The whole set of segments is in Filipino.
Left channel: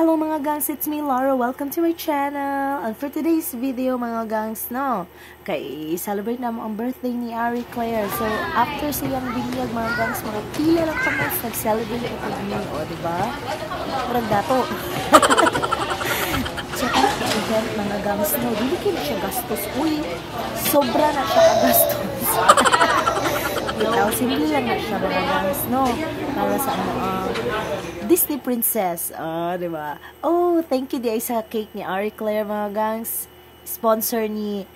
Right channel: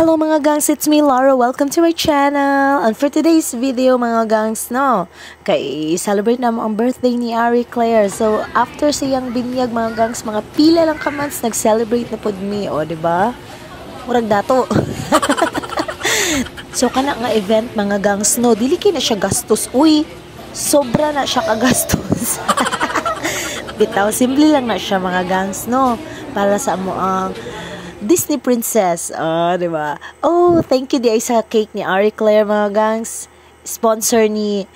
Hello mga gangs, it's me Laura. Welcome to my channel. And for today's video mga gangs, kay celebrate na mo ang birthday ni Ari Claire. So after siyang binyag mga gangs, mga pila lang ka months nag-celebrate na pod mi, diba? Murag dato. So kana nga event mga gangs, dili kay na siya gastos. Uy, sobra na siya kagastos. Bitaw, simple lang na siya mga gangs, para sa mo ang Disney princess, diba? Oh, thank you di sa cake ni Ari Claire mga gangs. Sponsor ni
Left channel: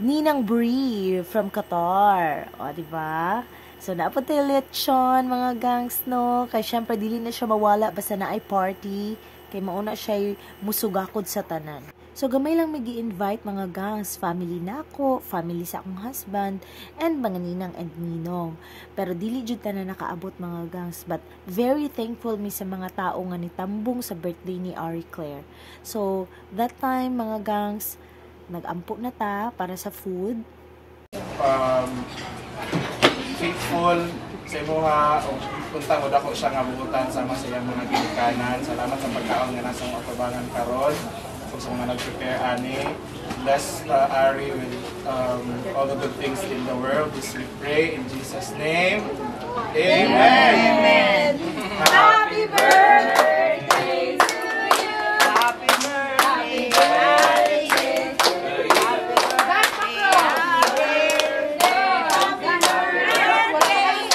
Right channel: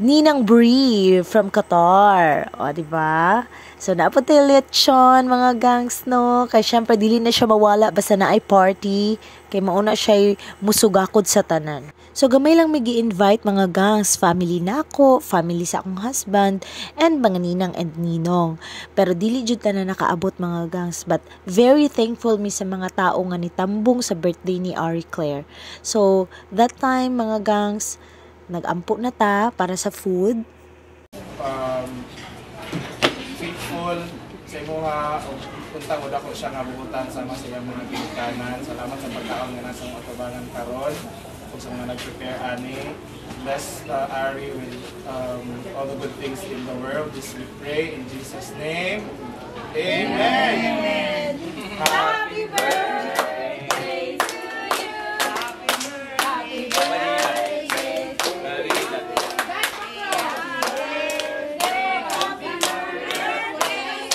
Ninang Brie from Qatar, diba? So naapot tayo lechon mga gangs, kay syempre dili na siya mawala basta na ay party, kay mauna siya musugakod sa tanan. So gamay lang may gi-invite mga gangs, family nako, family sa akong husband, and mga ninang and ninong. Pero dili jud ta na nakaabot mga gangs, but very thankful mi sa mga tao nga nitambong sa birthday ni Ari Claire. So that time mga gangs, nag-ampo na ta para sa food. Faithful sa imuha o puntang o dako siya nga buutan sama sa iyang mga ginikanan. Salamat sa pagkaon nga nasa atubangan karon. Sa mga nag-prepare ani. Bless Ari with all the good things in the world. This we pray in Jesus' name. Amen. Amen. Happy birthday to you. Happy birthday. Happy birthday to you. Happy birthday. Happy birthday.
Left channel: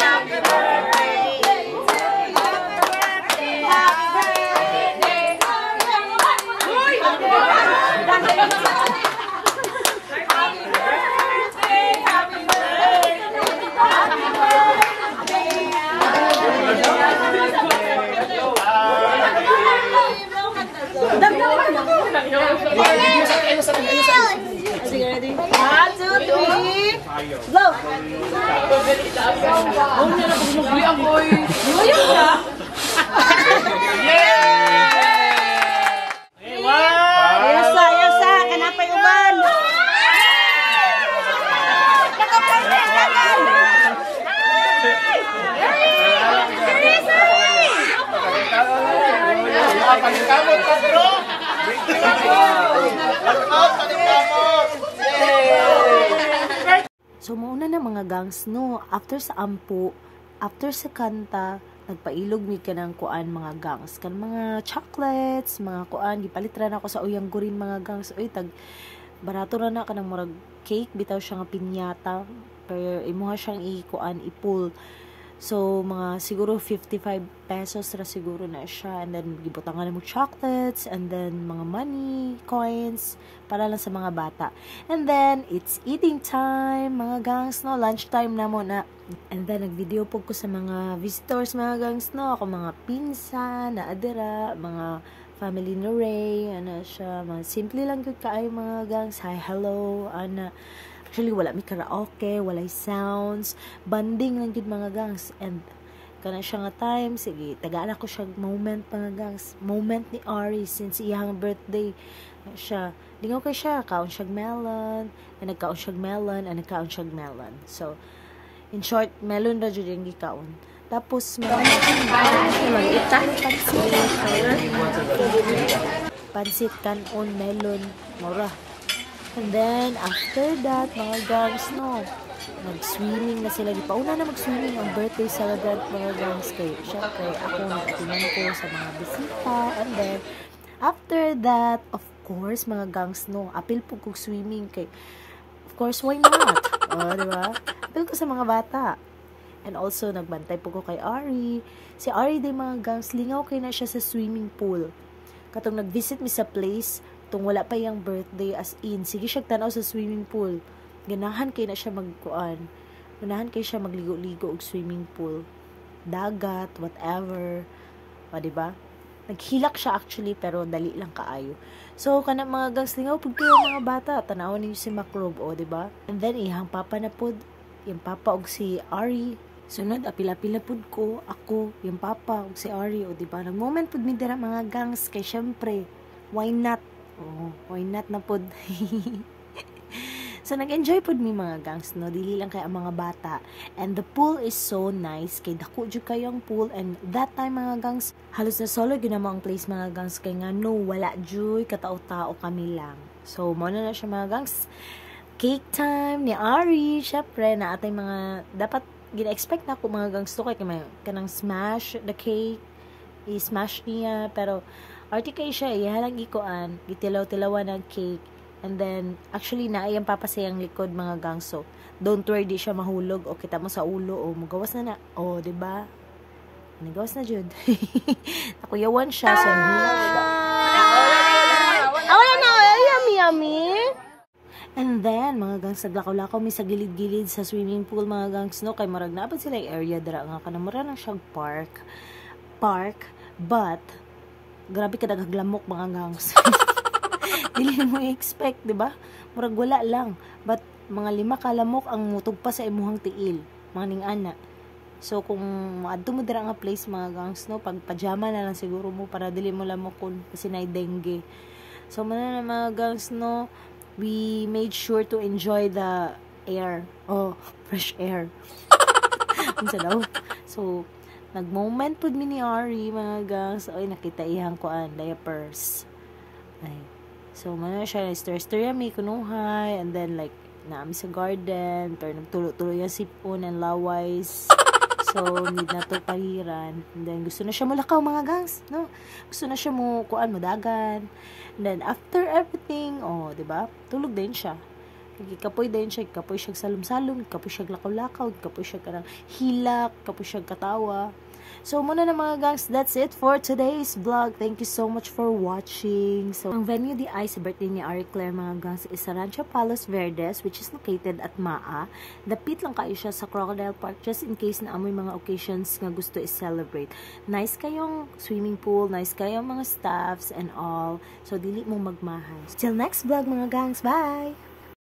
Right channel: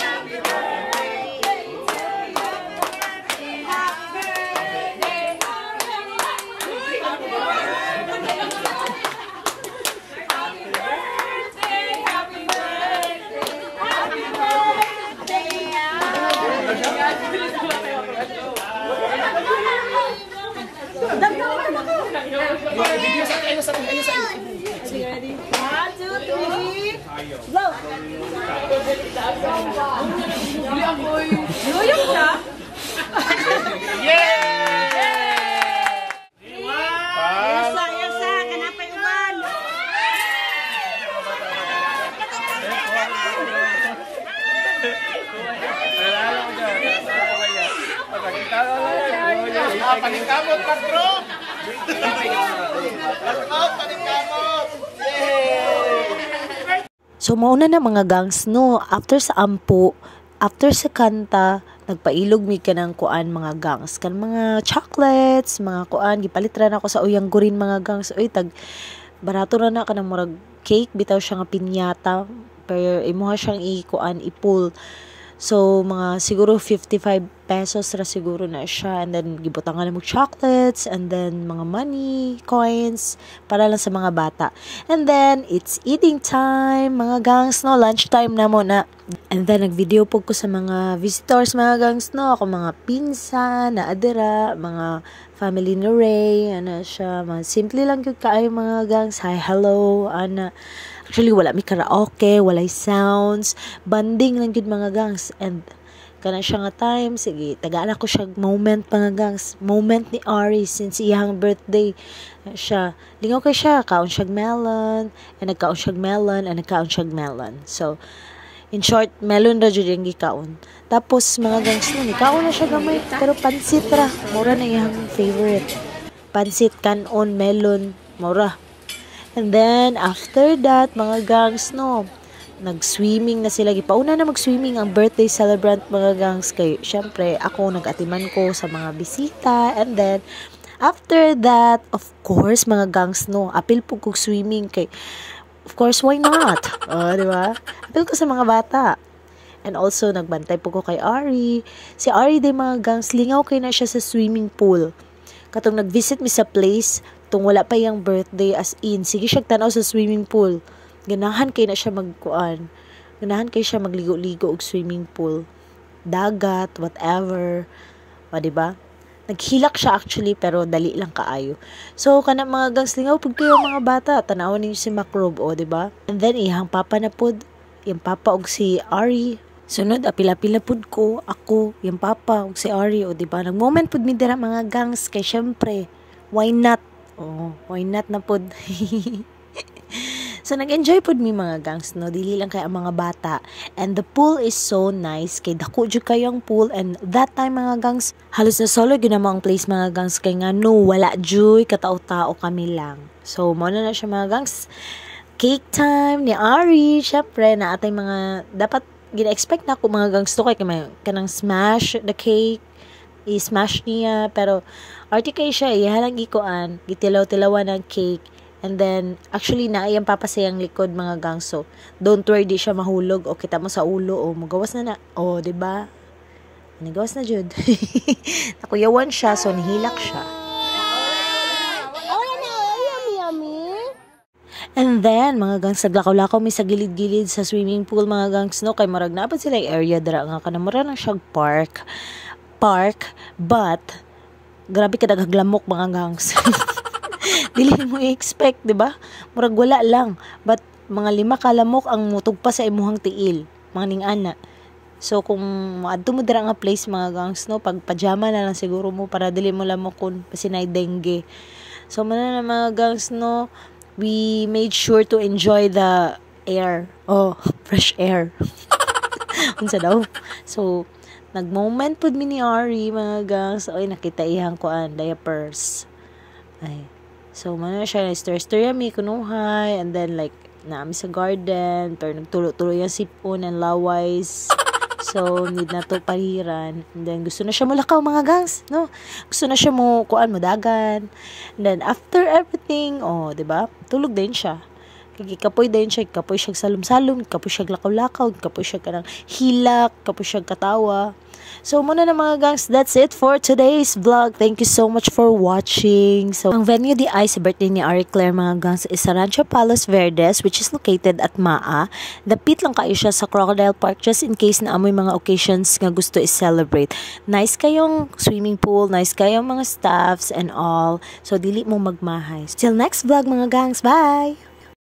Happy birthday to you. Happy birthday. Happy birthday, happy birthday. 1, 2, 3, blow! Paningkamot ka bro! So mauna na mga gangs, after sa ampo, after sa kanta, nagpailog mi ka ng kuan mga gangs, kan mga chocolates, mga kuan, gipalitran ako sa uyang gurin mga gangs. Uy, barato na ka ng murag cake, bitaw siya nga pinyata, pero imuha siyang ikuan, ipul. So, mga siguro 55 pesos ra siguro na siya. And then, gibutangan na mo chocolates. And then, mga money, coins, para lang sa mga bata. And then, it's eating time, mga gangs, lunch time na mo na. And then, nag-video po ko sa mga visitors, mga gangs, ako mga pinsan, na adira, mga family ni Ray, siya, mga simple lang yung kaayo mga gangs. Hi, hello, Actually, wala mi karaoke, walay sounds, banding lang yun mga gangs. And kana siya nga time, sige, tagaan ako siya moment mga gangs. Moment ni Ari since iyang birthday. Siya, lingaw kay siya, kaon siyag melon, and nagkaon siyag melon, and nagkaon siyag melon. So, in short, melon ra dyan yung gikaon. Tapos mga gangs, kaon na siya mga pero pansit ra. Maura na yung favorite. Pansit, kanon, melon, maura. And then, after that, mga gangs, nag-swimming na sila. Pauna na mag-swimming ang birthday celebrant, mga gangs. Kaya, syempre, ako nag-atiman ko sa mga bisita. And then, after that, of course, mga gangs, apil po kong swimming. Kay, of course, why not? Diba? Apil ko sa mga bata. And also, nagbantay po ko kay Ari. Si Ari din, mga gangs, lingaw kayo na siya sa swimming pool. Katong nag-visit mi sa place, tung wala pa yung birthday as in, sige siya tanaw sa swimming pool. Ganahan kay na siya magkuan. Ganahan kay siya magligo-ligo og swimming pool. Dagat, whatever. Diba? Naghilak siya actually, pero dali lang kaayo. So, kana mga gangs, lingaw pag kayo mga bata, tanawon ninyo si Macrob, diba? And then, ihang papa na pod, yung papa og si Ari. Sunod, apila-pila pod ko, ako, yung papa og si Ari, diba? Nag-moment pod mi dira mga gangs, kay syempre, why not? Why not na pod? So, nag-enjoy po mi mga gangs, no? Dili lang kay ang mga bata. And the pool is so nice. Kay dako jud kayo ang pool. And that time, mga gangs, halos na solo ginamo ang place, mga gangs. Kay nga, no, wala joy, katao-tao kami lang. So, muna na siya, mga gangs. Cake time ni Ari. Syempre, na atay mga, dapat, gina-expect na ako, mga gangs to, kay kanang smash the cake. I-smash niya. Pero, arti kay siya, ihalang ikuan, gitilaw-tilawan ng cake. And then, actually, naayang papasayang likod, mga gangs. So, don't worry, di siya mahulog. O, kita mo sa ulo. O, magawas na. O, diba? Nagawas na, Jud. Nakuyawan siya, so nahilak siya. Wala na, yummy. And then, mga gangs, naglakaw-lakaw may sa gilid-gilid sa swimming pool, mga gangs, no? Kay marag na sila yung area dara nga kanamura ng siyang park, but, grabe ka naghaglamok, mga gangs. Dili mo i-expect, di ba? Murag wala lang. But, mga 5 kalamok ang mutugpa sa imuhang tiil. Mga ning-ana. So, kung maadto mo dira nga place, mga gangs, no? Pag pajama na lang siguro mo para dili mo lamokon pasinay dengue. So, mana na mga gangs, no? We made sure to enjoy the air. Oh, fresh air. Unsa daw? So, nag-moment pod mi ni Ari, mga gangs. Oy, nakita iyang kuan, diapers. Ay. So, mana siya, story mi kunuhay, and then, like, naami sa garden, pero nagtulo-tulo yung sipon and laways. So, need na to paliran. And then, gusto na siya mulakaw, mga gangs, no? Gusto na siya mo, kuan mo, dagan. And then, after everything, oh, diba? Tulog din siya. Kapoy din siya, kapoy siya salum-salum, kapoy siya lakaw-lakaw, kapoy siya kanang hilak, kapoy siya katawa. So, muna na mga gangs, that's it for today's vlog. Thank you so much for watching. So, ang venue di ay sa birthday ni Ari Claire, mga gangs, is sa Rancho Palos Verdes, which is located at Maa. Dapit lang kayo siya sa Crocodile Park just in case na amoy mga occasions nga gusto i-celebrate. Nice kayong swimming pool, nice kayong mga staffs and all. So, dili mo magmahay. Till next vlog, mga gangs. Bye!